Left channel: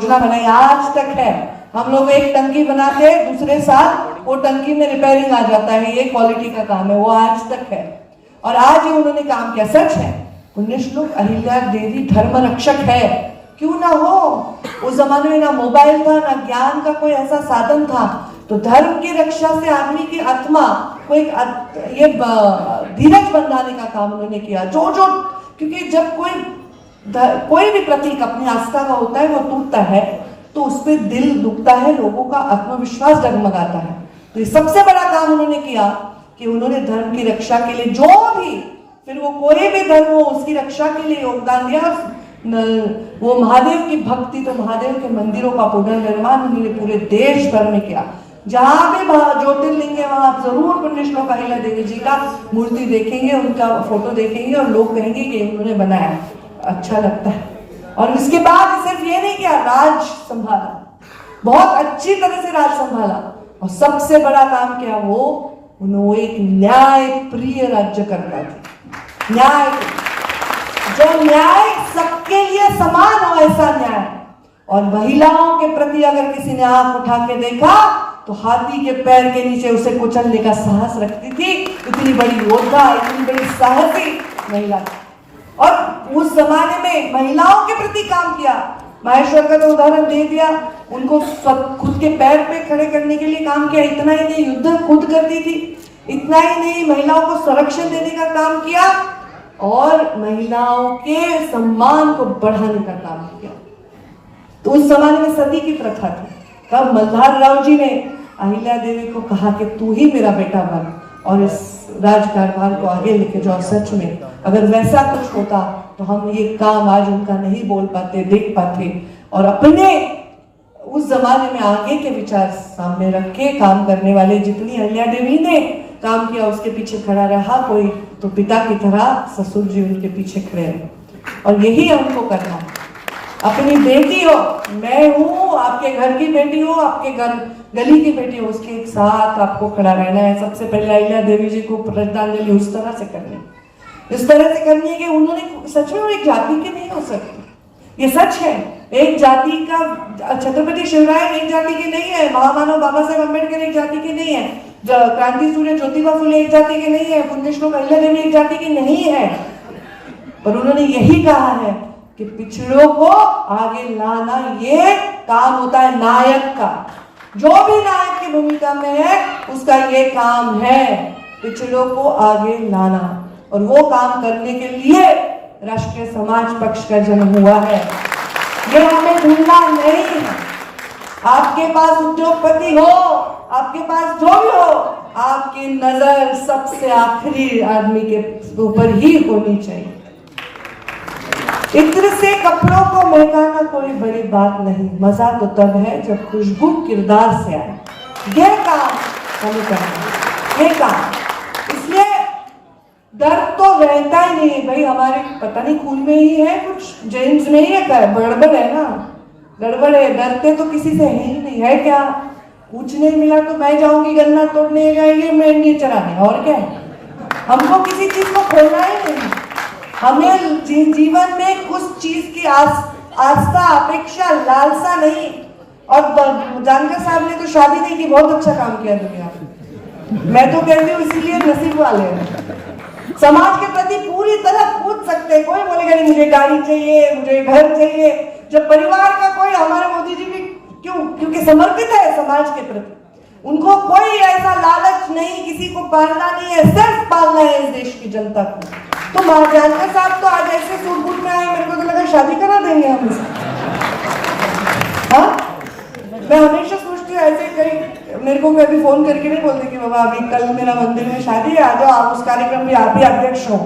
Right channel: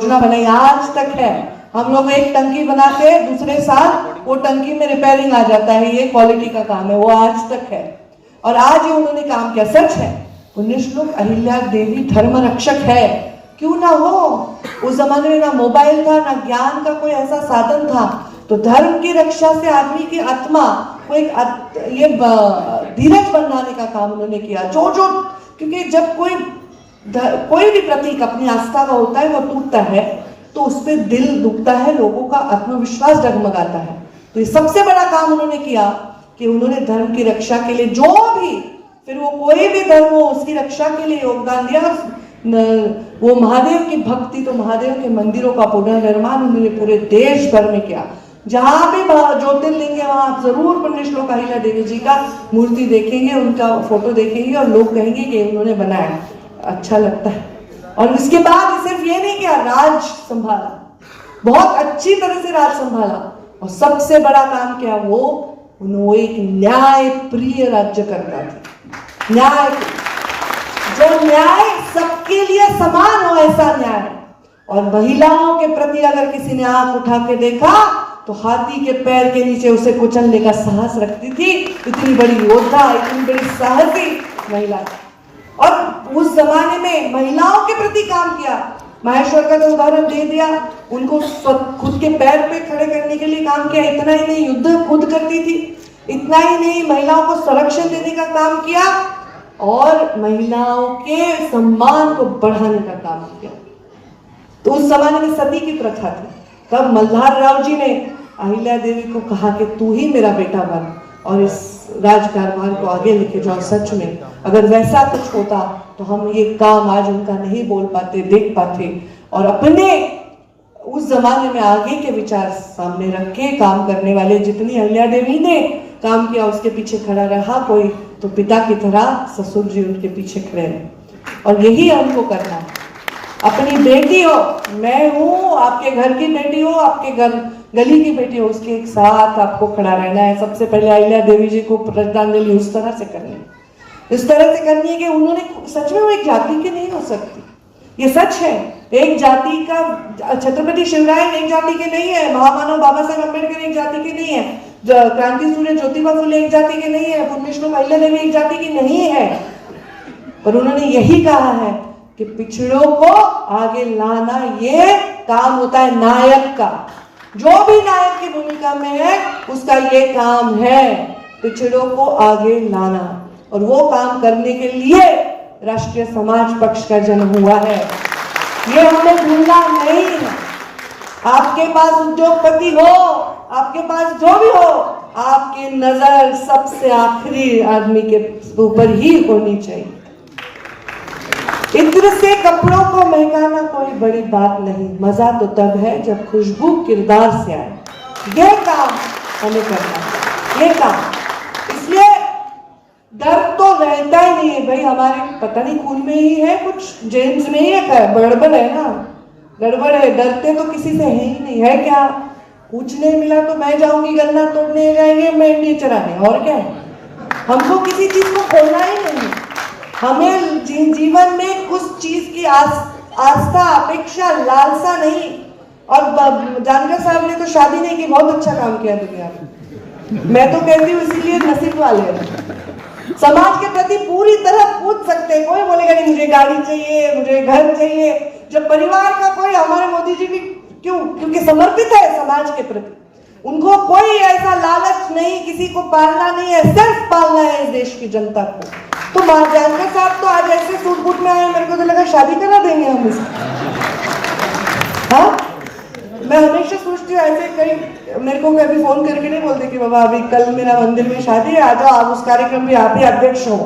योजना बनाई आज तक है। हम लोग एक टंकी बनाते हैं, दूसरे साल वो टंकी में रिपेयरिंग आ जाता है, ये क्वालिटी का काम है, वो आज तक है। और आज ये उन्होंने काम किया, सच है। पुण्य श्लोक अहिल्या देवी धर्म रक्षक है, क्यों ना हो। उस जमाने में ना मोबाइल था, ना ज्ञान का कोई ऐसा साधन था, तो धर्म की रक्षा से आदमी की आत्मा को एक ये धीरज बनाने का काम उन्होंने किया। जो क्योंकि जब कोई भी प्रतीक अपनी आस्था का होता है वो टूटता है तो उससे दिल दुखता है, लोगों का आत्मविश्वास डगमगाता है। तो ये सबसे बड़ा काम उन्होंने किया कि उन्होंने धर्म की रक्षा के लिए जो भी, फिर वो कोई भी धर्म हो, उसकी रक्षा के लिए योगदान दिया। वो महादेव की भक्ति, तो महादेव के मंदिरों का पुनर्निर्माण उन्होंने पूरे देश भर में किया। जहां भी ज्योतिर्लिंग है वहां आप जरूर पुण्य श्लोक अहिल्या देवी जी का मूर्ति देखेंगे, उनका फोटो देखेंगे और लोग कहेंगे कि उन्होंने बनाया, अच्छा लगता है। और इसके बाद सिर्फ ये नहीं किया, राज संभाला, बहुत अच्छी तरह से राज संभाला। और सबसे बड़ा काम क्या, वो एक न्याय प्रिय राज्य करता था। न्याय, जो न्याय सबके लिए समान हो, ऐसा न्याय। और महिलाओं के प्रति अगर किसी ने आंख उठा के देखा तो हाथी के पैर के नीचे उसे कुचलने का साहस रखती थी। इतनी बड़ी योद्धा, इतनी बड़ी साहसी महिला। और उस जमाने में महिलाओं के प्रति काम किया। माहेश्वर का तो उदाहरण दे दिया, उनको खुद के पैर पे खड़े करने के लिए काम किया। इतना ही नहीं, युद्ध खुद करती थी। इतना ही नहीं, महिलाओं को संरक्षण देने का काम किया और महिलाओं के सम्मान को बढ़ाने का काम किया। तो उस जमाने में सती की प्रथा थी। तब मल्हार राव जी ने अहिल्या देवी को कहा कि तू ही मेरा बेटा बन और इस राजकारभार को आगे लेके जाओ। सच में अगर वैसा कुछ होता तो हम ये काम आज उनका नहीं बोल पाते, देख पाते। और अपने उस जमाने में आगे के विचार सामने रख के काम करने वाले, जितनी अहिल्या देवी ने काम किया उसके पीछे खड़ा रहा कोई, तो पिता की तरह ससुर जी उनके पीछे खड़े रहे। और यही उनको करना है। अपनी बेटी हो, मैं हूं, आपके घर की बेटी हो, आपके घर गली की बेटी हो, उसके एक साथ आपको खड़ा रहना है। सबसे पहले अहिल्या देवी जी को श्रद्धांजलि उस तरह से करनी है, इस तरह से करनी है कि उन्होंने सच में वो एक जाति की नहीं हो सकती। ये सच है। एक जाति का, छत्रपति शिवराय एक जाति के नहीं है, महामानव बाबा साहेब अम्बेडकर एक जाति के नहीं है, क्रांति सूर्य ज्योतिबा फुले एक जाति के नहीं है, पुण्य श्लोक अहिल्या देवी एक जाति की नहीं है। पर उन्होंने यही कहा है कि पिछड़ों को आगे लाना ये काम होता है नायक का। जो भी नायक की भूमिका में है उसका ये काम है, पिछड़ों को आगे लाना। और वो काम करने के लिए राष्ट्रीय समाज पक्ष का जन्म हुआ है, ये हमें भूलना नहीं है। आपके पास उद्योगपति हो, आपके पास जो भी हो, आपकी नजर सबसे आखिरी आदमी के ऊपर ही होनी चाहिए। इत्र से कपड़ों को महकाना कोई बड़ी बात नहीं, मजा तो तब है जब खुशबू किरदार से आए। यह काम हमें करना है, ये काम। इसलिए डर तो रहता ही नहीं है भाई, हमारे पता नहीं खून में ही है, कुछ जेन्स में ही है, गड़बड़ है ना, गड़बड़ है। डरते तो किसी से है ही नहीं है। क्या कुछ नहीं मिला तो मैं जाऊंगी गन्ना तोड़ने, जाएंगे मेंढी चराने, और क्या है। हमको किसी चीज को खोना ही नहीं। हमें जीवन में कुछ चीज की आस्था, अपेक्षा, लालसा नहीं। और जानकर साहब ने तो शादी नहीं की, बहुत अच्छा काम किया दुनिया में। मैं तो कहती हूँ इसीलिए नसीब वाले हैं। समाज के प्रति पूरी तरह कूद सकते हैं। कोई बोलेगा नहीं मुझे गाड़ी चाहिए, मुझे घर चाहिए। जब परिवार का कोई, हमारे मोदी जी भी क्योंकि समर्पित है समाज के प्रति, उनको कोई ऐसा लालच नहीं, किसी को पालना नहीं है, सिर्फ पालना है इस देश की जनता को। तो जानकर साहब तो आज ऐसे सूट बूट में आए, मेरे को तो लगा शादी करा देंगे हम इसे। हाँ, मैं हमेशा सोचती हूँ ऐसे, कहीं मेरे को कभी फोन करके नहीं बोलते कि बाबा अभी कल मेरा मंदिर में शादी है, आ जाओ, आप उस कार्यक्रम में आप ही अध्यक्ष हो।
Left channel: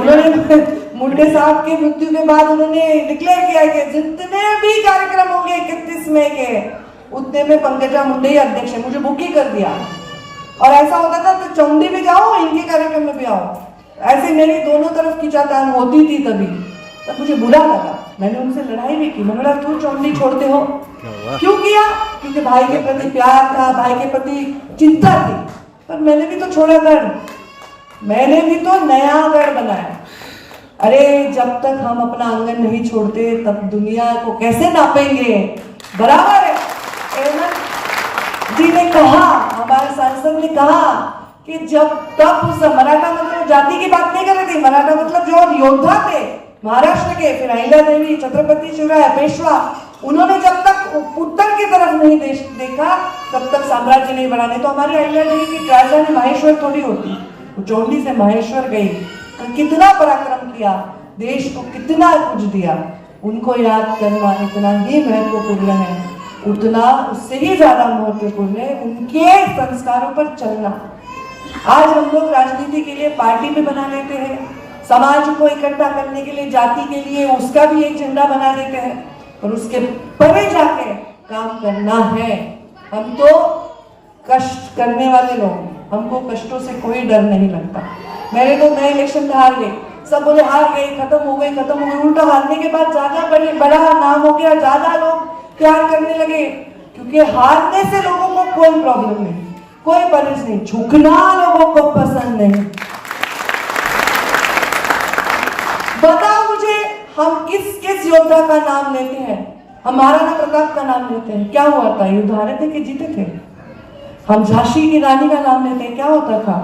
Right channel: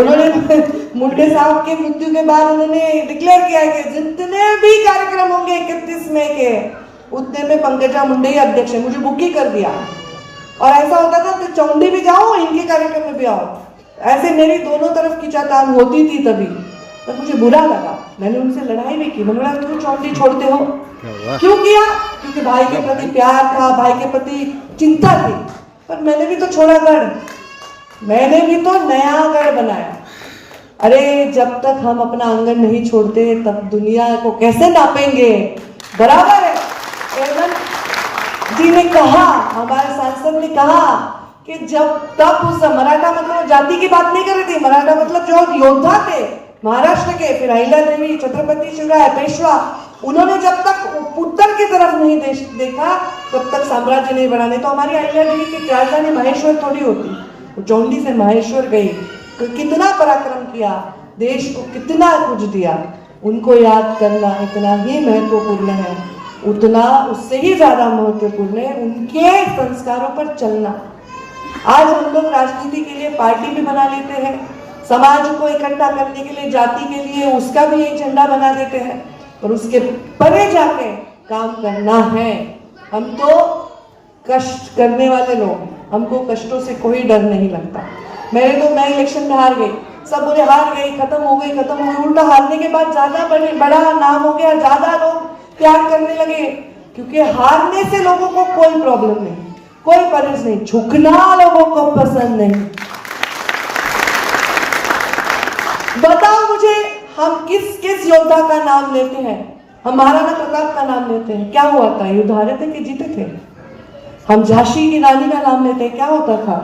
उन्होंने मुंडे साहब के मृत्यु के बाद उन्होंने डिक्लेयर किया कि जितने भी कार्यक्रम होंगे 31 मई के, उतने में पंकजा मुंडे ही अध्यक्ष है। मुझे बुक ही कर दिया। और ऐसा होता था तो चौंडी भी जाओ, इनके कार्यक्रम में भी आओ। ऐसे मेरी दोनों तरफ खींचातान होती थी। तभी तब मुझे बुरा लगा, मैंने उनसे लड़ाई भी की। मैंने बोला क्यों चौंडी छोड़ते हो, क्यों किया? क्योंकि भाई के प्रति प्यार था, भाई के प्रति चिंता थी। पर मैंने भी तो छोड़ा गढ़, मैंने भी तो नया गढ़ बनाया। अरे जब तक हम अपना आंगन नहीं छोड़ते तब दुनिया को कैसे नापेंगे? बराबर है। हेमंत जी ने कहा, हमारे सांसद ने कहा कि जब तक उस मराठा मतलब जाति की बात नहीं कर रहे थे, मराठा मतलब जो योद्धा थे महाराष्ट्र के, फिर अहिल्या देवी, छत्रपति शिवराय, पेशवा, उन्होंने जब तक उत्तर की तरफ नहीं देखा तब तक साम्राज्य नहीं बढ़ाने। तो हमारी अहिल्या देवी की राजधानी माहेश्वर थोड़ी होती, वो चौंडी से माहेश्वर गई, तो कितना पराक्रम किया, देश को कितना कुछ दिया। उनको याद करना इतना ही महत्वपूर्ण है, उतना उससे ही ज्यादा महत्वपूर्ण है उनके संस्कारों पर चलना। आज हम लोग राजनीति के लिए पार्टी भी बना लेते हैं, समाज को इकट्ठा करने के लिए, जाति के लिए उसका भी एक झंडा बना देते हैं, पर उसके परे जाके काम करना है। हम तो कष्ट करने वाले लोग, हमको कष्टों से कोई डर नहीं लगता। मैं इलेक्शन में हार गई, सब बोले हार गई, खत्म हो गई। उल्टा हारने के बाद ज्यादा बड़ा नाम हो गया, ज्यादा लोग प्यार करने लगे, क्योंकि हारने से लोगों को कोई प्रॉब्लम नहीं, कोई परहेज नहीं, झुकना लोगों को पसंद नहीं। बताओ मुझे, हम किस योद्धा का नाम लेते हैं? हम महाराणा प्रताप का नाम लेते हैं, क्या हुआ था? युद्ध हारे थे कि जीते थे? हम झांसी की रानी का नाम लेते हैं, क्या होता था?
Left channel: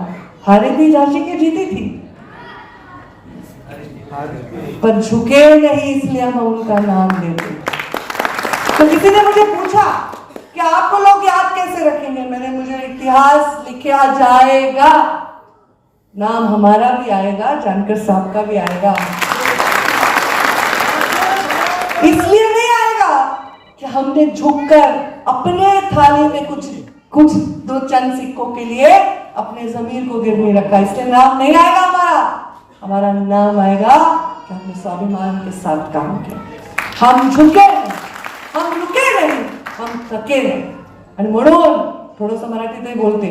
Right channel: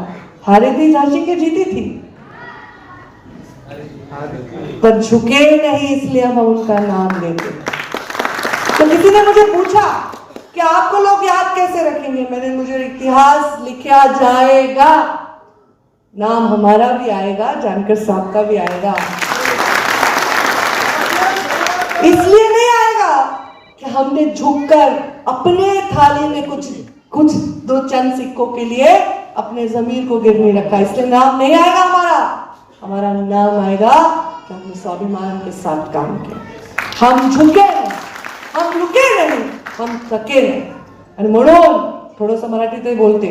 हारे थी झांसी के, जीती थी, पर झुके नहीं, इसलिए हम उनका नाम लेते। तो किसी ने मुझे पूछा कि आपको लोग याद कैसे रखेंगे? मुझे इतिहास लिखा जाएगा, नाम हमारा भी आएगा, जानकर साहब का भी आएगा। इसलिए नहीं आएगा कि हमने झुककर अपने थाली में कुछ दो चंद सिक्कों के लिए अपने जमीर को गिरवी रखा, इसलिए नाम नहीं आएगा हमारा नाम आएगा कि हमने स्वाभिमान के साथ काम किया। हम झुके नहीं, हम रुके नहीं, हम थके नहीं। आणि म्हणून थोडंसं मराठीतही बोलते।